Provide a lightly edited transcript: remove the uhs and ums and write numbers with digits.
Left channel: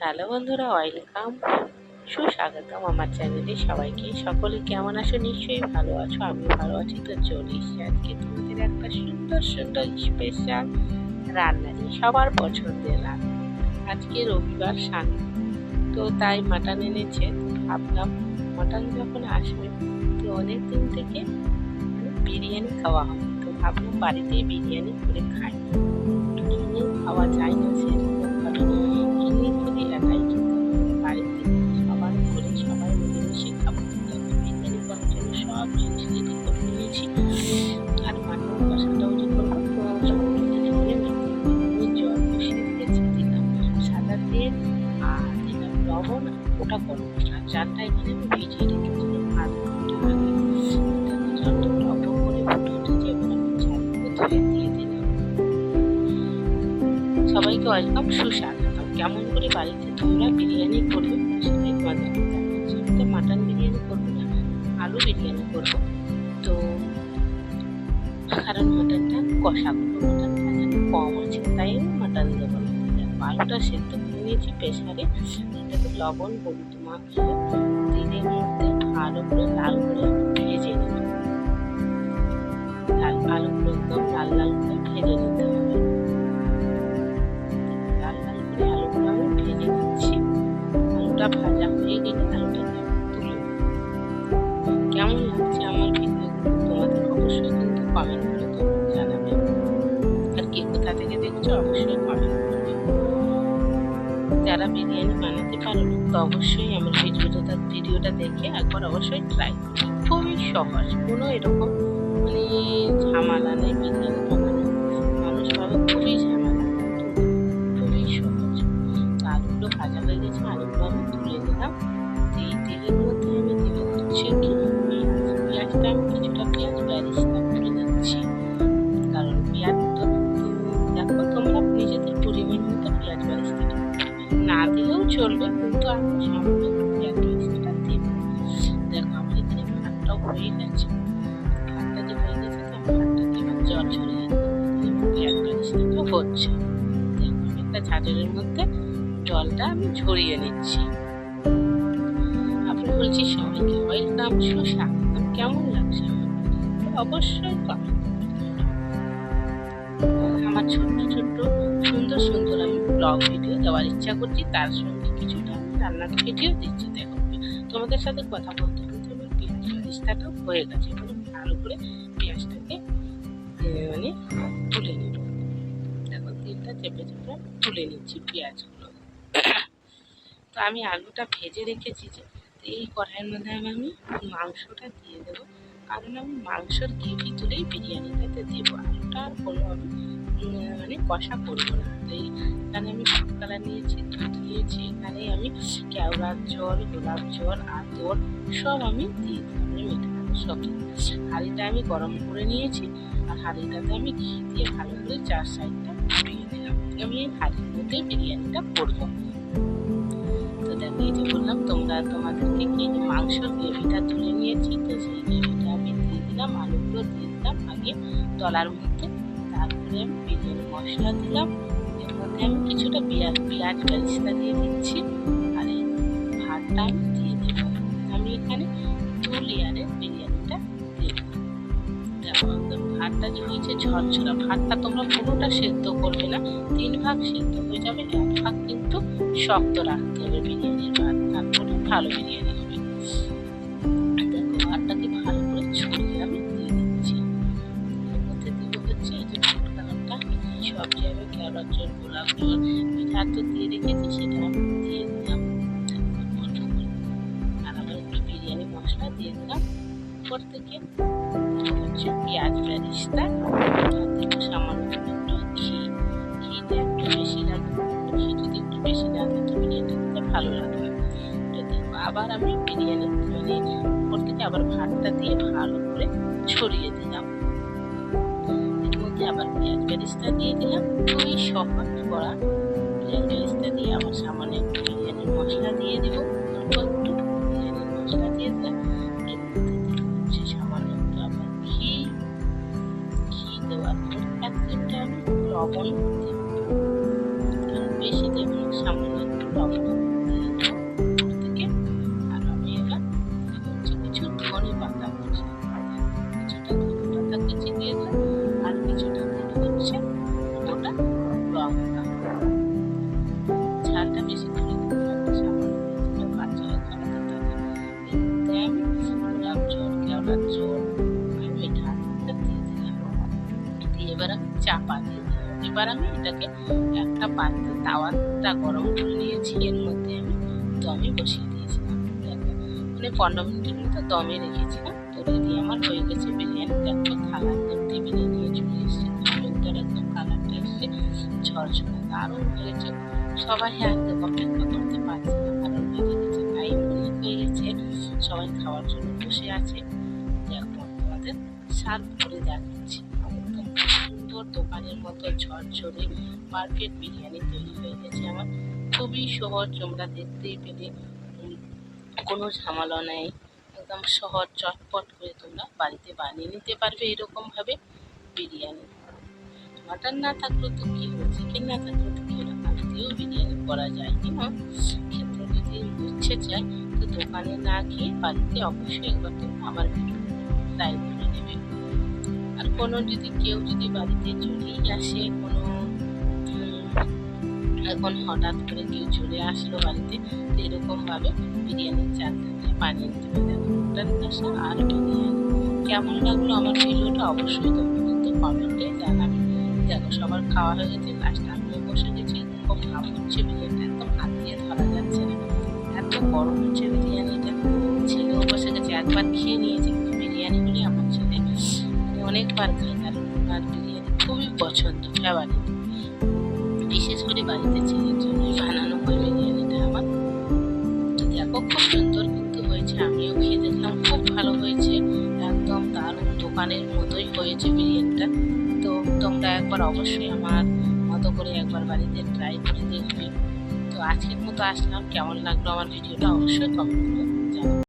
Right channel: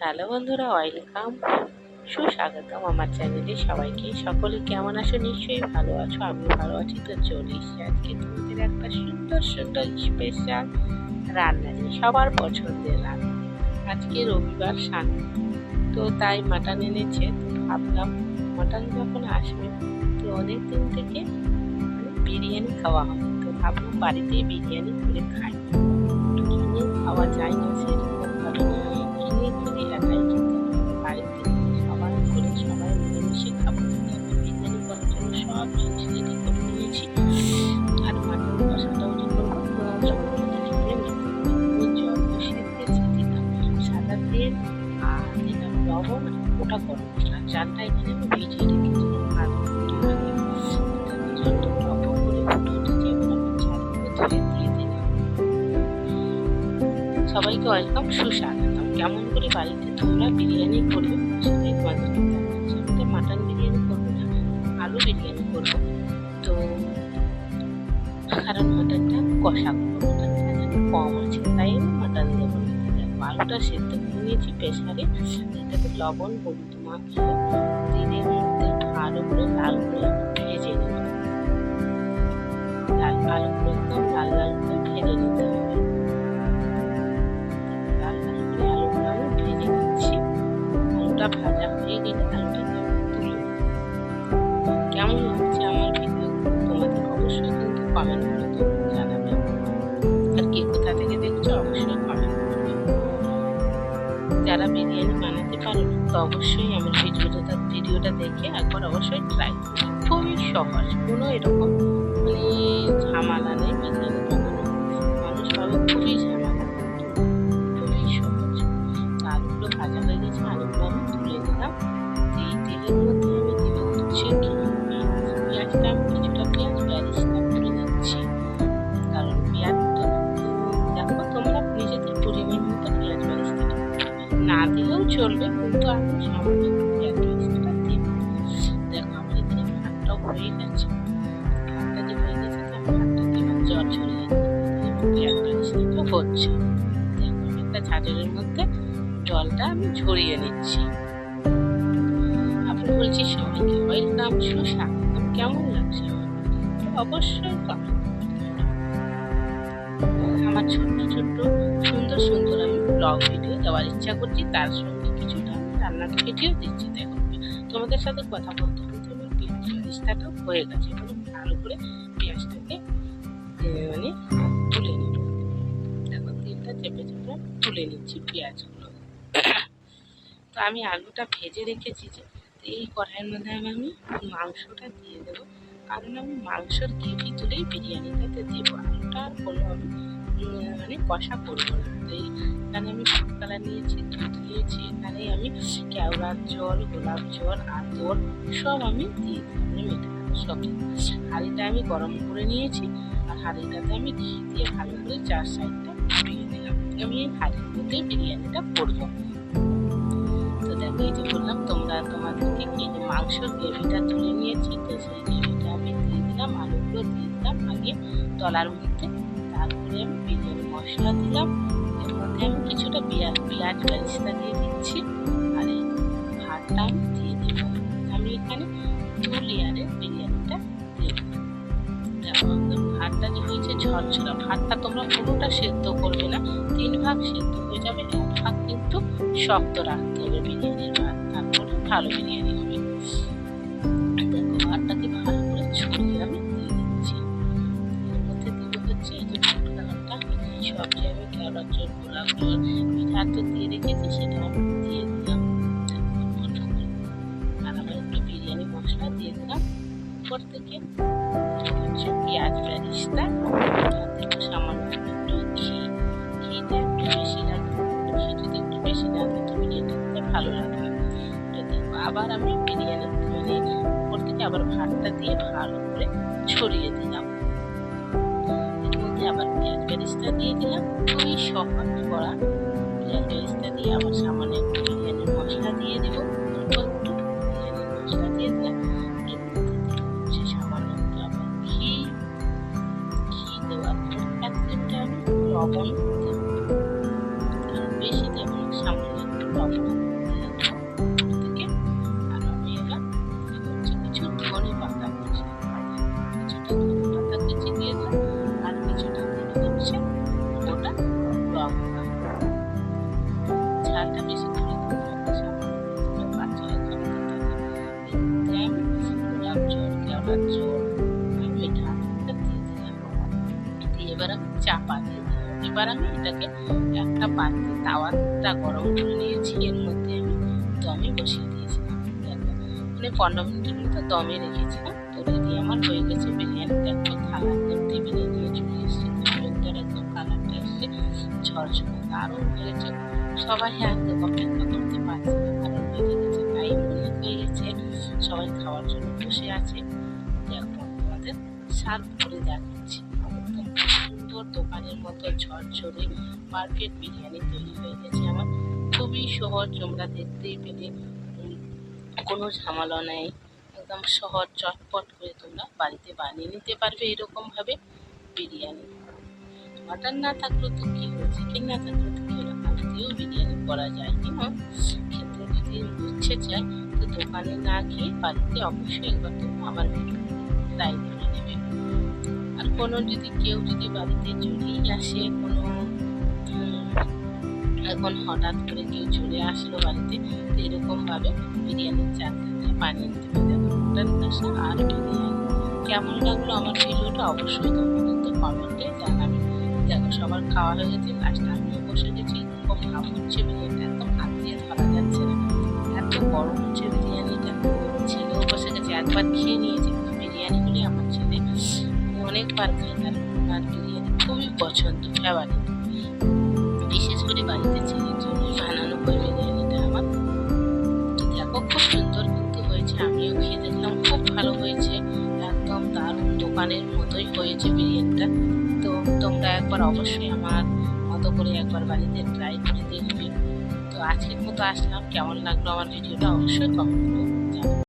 Hello বন্ধুরা, welcome, সুস্বাগতম আমার চ্যানেলে সবাইকে। সকলে কেমন আছো? নিশ্চয়ই ভালো আছো, আমিও ভালো আছি। তো চলে এসেছি আজকে তোমাদের একটা সুন্দর সুন্দর স্পেশাল রান্না নিয়ে, সবার পছন্দের রান্না। আজকে রবিবার সানডে, তো তাই মাটন এনেছে। তো ভাবলাম মাটন যখন আসবে, তো অনেক দিন থেকে বিরিয়ানি খাওয়া হবে, তো ভাবলাম বাড়িতেই বিরিয়ানি করে খাই। কিনে খাওয়া যায় না সেরকম ভাবে, কিনে খেলে একাই খেতে হবে। বাড়িতে সবাই করে সবাই মিলেমিশে খাবো। বিরিয়ানি করার জন্য সব জিনিস রেডি করে নিয়েছি, আর মাটন কষাটাও যে করবো, তো সব রেডি করে নিতে হবে। ওই জল বসিয়ে দিয়েছি, দিলাম সাদা তেল, আর দিলাম লবণ, গোটা গরম মশলা। চালটা এখানে আমি ভিজিয়ে রেখেছিলাম আধ ঘন্টা আগে। জলটা টক করে ফুটে উঠেছে, এবার আমি চালগুলো ধুয়ে দিয়ে দিলাম। সবাইকে ওয়েলকাম, সুস্বাগতম। কেমন করে বাড়িতে তোমরা বিরিয়ানি করবে, তো সেটাই তোমাদেরকে দেখাচ্ছি। আমি তো মাটন বিরিয়ানি করবো না, আলু বিরিয়ানি করবো। তো কারণ মাটনটা কষা করবো, মাটনটা যেন কম আছে, তাই আমি মাটন দেবো না। দেখো আলুটা সেদ্ধ করে নিয়েছি প্রেসারে, এটাতে লবণ হলুদ মাখিয়ে তেলের মধ্যে ভালো করে লাল করে আমি ভেজে নেব। আলুগুলো একদম লাল লাল করে ভেজে নিতে হবে। আলুগুলো আমি ভেজে নিচ্ছি। আলুটা ভাজা হয়ে গেলে আলুটাকে তুলে নেব। কেমন লাগছে আমার ভিডিওগুলো তোমাদের অবশ্যই কিন্তু কমেন্ট করে তোমরা জানাবে, আর কে কোথা থেকে দেখছো অবশ্যই কমেন্ট করবে। যারা বিরিয়ানি বানাতে পারো না, তো অবশ্যই আমার ভিডিওটা দেখে একবার অবশ্যই ট্রাই করবে। খুবই সহজ, কোনো এরকম ঝামেলা নেই বিরিয়ানি বানানো। মানুষ ভাবে খুবই ঝামেলা, কিন্তু খুবই সহজ। আলুগুলো ভাজা হয়ে গেছে, আলুগুলো আমি তুলে নিলাম। এই তেলের মধ্যে আমি দিলে হচ্ছে কি পেঁয়াজটা, আমি কিছুটা পেঁয়াজ বেরেস্তা করে নিচ্ছি। কারণ পেঁয়াজ তো দেখো তোমরা নিজেদের পরিমাণ মতো পেঁয়াজ বেরেস্তাটা না দিলেও চলবে, কিন্তু আমি সামান্য পেঁয়াজ বেরেস্তাটা দেব। দেখো আমার এখানে ভাতটাও হয়ে গেছে। ভাতটা যে হয়ে গেছে, তো ভাতটাকে এবার জল ছড়িয়ে পেঁয়াজ বেরেস্তাটা হচ্ছে। দেখো আমি একটা ঝাঁঝরের মধ্যে জলটা আমি ঝরিয়ে নিচ্ছি। আপনি বলছি সবাইকে ওয়েলকাম, সুস্বাগতম। কেমন লাগছে অবশ্যই কমেন্ট করবেন। আমার ছোট্ট ছোট্ট সুন্দর সুন্দর আমি ব্লগ ভিডিও দেওয়ার ইচ্ছা করছি, তার সঙ্গে কিছুটা আমি রান্নার ভিডিও দিচ্ছি। দেখো তোমাদের সাথে কথা বলতে বলতে আমার পেঁয়াজ বেরেস্তাটাও হয়ে গেছে। এবার ভালো করে পেঁয়াজটাকে তুলে নেব। দেখো তেলটা চেপে চেপে তুলে নিচ্ছি পেঁয়াজগুলো। তো আমি আলুটা ভেজে রেখেছি, যে এই কড়াইয়ের মধ্যে আমি মাংসটা দিয়ে দেবো। কারণ আমি মাংসর গ্রেভি তুলেই বিরিয়ানিটাতে দেবো, আলুটা আর কোনো আমি কষা করবো না। তো এখানে আমি ফুড কালার নিয়েছি, দুধ নিয়েছি, এখানে আমি কেওড়ার জল, গোলাপ জল, আতর সব আমি দিয়ে দিলাম। মিঠা সব হাঁড়িটা আমি গরম করে নিয়েছি, আর হাঁড়িটাতে আমি ঘি দিয়ে ভালো করে চার সাইডটা ঘুরিয়ে দিলাম। আমি এই হাঁড়ির মধ্যেই বিরিয়ানিটা করবো। তো দেখো এই যে বললাম তোমাদেরকে কি, যে মাংসর গ্রেভিটা তুলে নিয়েছি, তো সেই গ্রেভিটা আমি দিয়ে দিলাম, আলুগুলো দিয়ে দিলাম আগে তলার মধ্যে। তারপরে আমি বিরিয়ানি মশলা দিলাম, এর মধ্যে আমি কিছুটা পেঁয়াজ বেরেস্তা দিয়ে দিচ্ছি, আর এই ভাতটা আমি দিয়ে দেবো। আমি এখানে 2 লেয়ারের বিরিয়ানিটা দেবো। দেখো একদম ভাতটা যে হয়েছে ঝরঝরা। ভাতটা তোমরা পুরোটা সেদ্ধ করবে না, 3 ভাগ সেদ্ধ হয়ে যাবে, 1 ভাগ কিন্তু শক্ত রাখতে হবে বিরিয়ানির ভাত, তারপরে ভালো বিরিয়ানি হবে। দেখো ভাতটাকে ভালো করে ছড়িয়ে আমি দিয়ে দিচ্ছি। এর মধ্যে দিব হচ্ছে এই যে ফুড কালারটা, সব যে আমি কেওড়ার জল, গোলাপ জল, মিঠা তো দিয়ে রেখেছি, সেটা আমি দিয়ে দিলাম। আর আবার একটু বিরিয়ানি মশলা দিয়ে দিলাম উপর থেকে। হচ্ছে পেঁয়াজ বেরেস্তা, আর দেবো সামান্য একটু ঘি। ঘিটা একটু বেশি লাগবে, ঘি যদি একটু বেশি লাগে তো বিরিয়ানি খেতে ভালো লাগবে। তো দেখো আবার আমি বিরিয়ানি উপর থেকে আবার ভাতটা দিয়ে ভালো করে ছড়িয়ে দিলাম। এর মধ্যে আবার পেঁয়াজ বেরেস্তা দিয়ে দিলাম, খুবই সহজ করা। পেঁয়াজ বেরেস্তা দিয়ে আবার সামান্য একটু বিরিয়ানির মশলা দিয়ে দেবো, অল্প একটু বিরিয়ানির মশলা দিয়ে দিলাম। এর মধ্যে হচ্ছে সামান্য একটু আবার ঘি দেওয়ার পর এক চিমটা আমি লবণ দেবো। কারণ বেশি দেবো না, সামান্য একটু লবণ দিয়ে দেবো থেকে। আর আমি এবার কিছু ধনে পাতা কুচি, কিছুটা ধনে পাতা কুচি দিয়ে দেবো, আর কিছুটা দিয়ে হচ্ছে গোটা লঙ্কা। ঝালটা বেশি করে দিতে হবে, সামান্য বাচ্চারা খাওয়াতে থাকে। আমি গোলাপ জল, কেওড়ার জল আর মিঠা দিয়ে দিলাম, দিয়ে এবার আমি চাপা দিয়ে দিলাম। এবার আমি এটাকে একটা পাত্রে তাওয়াটা গরম করে নিয়েছি, এর মধ্যে আমি দমে বসিয়ে দিয়েছিলাম। মানে 15 মিনিটের মতো দমে রেখেছিলাম। তো রেডি আমার হয়ে গেছে বিরিয়ানি। দেখো থালা একদম টেবিলে নিয়ে চলে এসেছে, সুন্দর একদম কালারটা এসছে, ঝরঝরে দারুণ হয়েছে। সবাই একদম অপেক্ষা করতে পারছে না, কারণ বেড়ে গেছে, তাই মনে হয়ে গেছে সবাই খাওয়ার জন্য বসে আছে। দেখো তোমাদের সার্ভ করে দেখাচ্ছি, একদম সুন্দর দোকানের মতো ঝরঝরে পারফেক্ট বিরিয়ানি তৈরি হয়ে গেছে আমার। খুবই সহজ, তোমরা দেখতেই পেলে কোনো ঝামেলা নেই, একদম সহজ চটপট করে তোমরা বাড়িতে বানিয়ে নিতে পারবে এরকমভাবে বিরিয়ানি। মাটন না থাকলেও তো কী হলো, চিকেন না থাকলেও তো কী হলো, বাড়িতেও বিরিয়ানি করা যায়। কিনা খেতে যদি ইচ্ছে চায় তো দোকানে না খেয়ে বাড়িতে অবশ্যই একবার তোমরা আমার ভিডিও ট্রাই করে নেবে। আর কোনো যদি কেউ যদি বাড়িতে চলেই আসে, কোনো এখন হঠাৎ করে কেউ চলে আসলো বাড়িতে, তো এরকমভাবে বিরিয়ানির চাল থাকলে বানিয়ে নিতে পারে। মটন কষা আর বিরিয়ানি কেমন লাগলো আমার ভিডিওটা অবশ্যই তোমরা কিন্তু কমেন্টে জানাবে। দেখো সবার খাওয়া হয়ে গেছে, লাস্টে আমিও বসে গেছি। খুব ভাব হচ্ছে বিরিয়ানিটা, একদম হাত দিয়ে ধরা যাচ্ছে না, এত গরম হচ্ছে বিরিয়ানিটা। ছেলেও বসে গেছে, একবার খেয়ে নিয়েছে, কিন্তু বিরিয়ানিগুলি আমার ছেলে অনেকবার খায়, কারণ ওনার বিরিয়ানি খুবই পছন্দ, ফেভারিট। বিশেষ করে বাড়িতে ছেলের জন্যই বানানো হয় বিরিয়ানিটা আমার। দেখো খুব সুন্দর কিন্তু হয়েছে, আমিও খেয়ে দেখলাম, খুব ভালো হয়েছে, একদম দারুণ দোকানের মতোই হয়েছে বিরিয়ানিটা। তো তোমরা একবার অবশ্যই আমার মতো করে একবার বাড়িতে ট্রাই করে দেখবে। তো আজকের মতো আসলাম, কেমন লাগলো আমার ভিডিওটা অবশ্যই কমেন্ট করে জানাবে।